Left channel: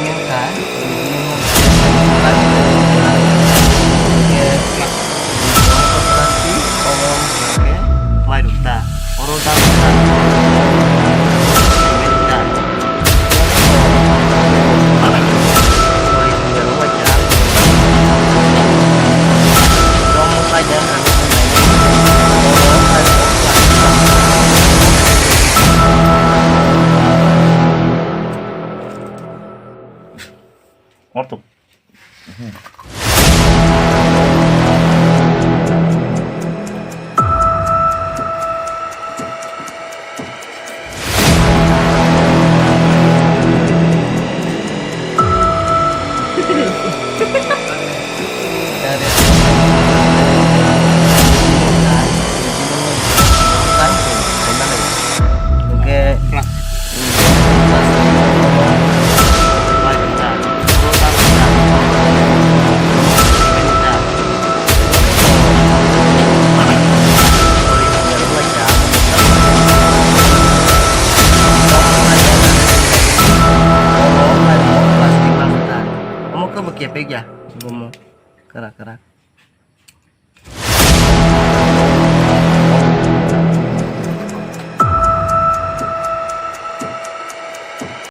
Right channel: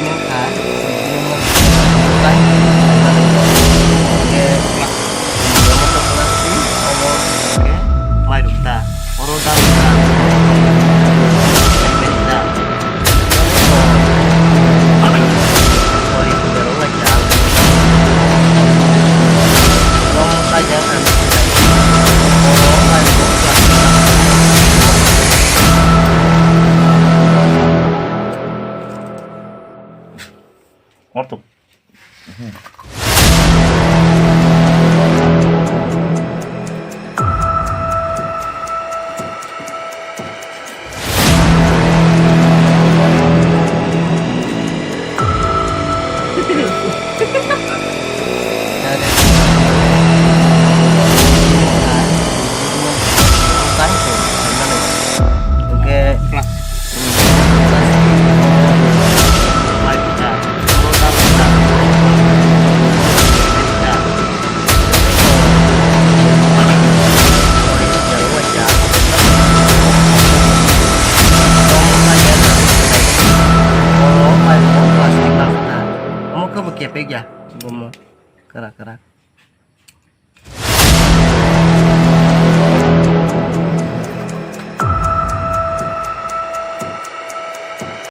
Dujinin kan, dujinin bukan ke plastik, omong ke plastik, omong ke maruta, oroda ruta, aibenita. Sorry, penjara aja. Kamu saja kan sebenarnya, orang harus plastik. Ortuk. Dari ini kan, ini bukan tuh, gimana ya? Oke, plastik, omong maruta, oroda ruta, aibenita. Sorry, penjara aja. Kamu saja kan sebenarnya, orang mau plastik bangsa. Kamu ke bekiapek ya? Gue mau kerak-kerak.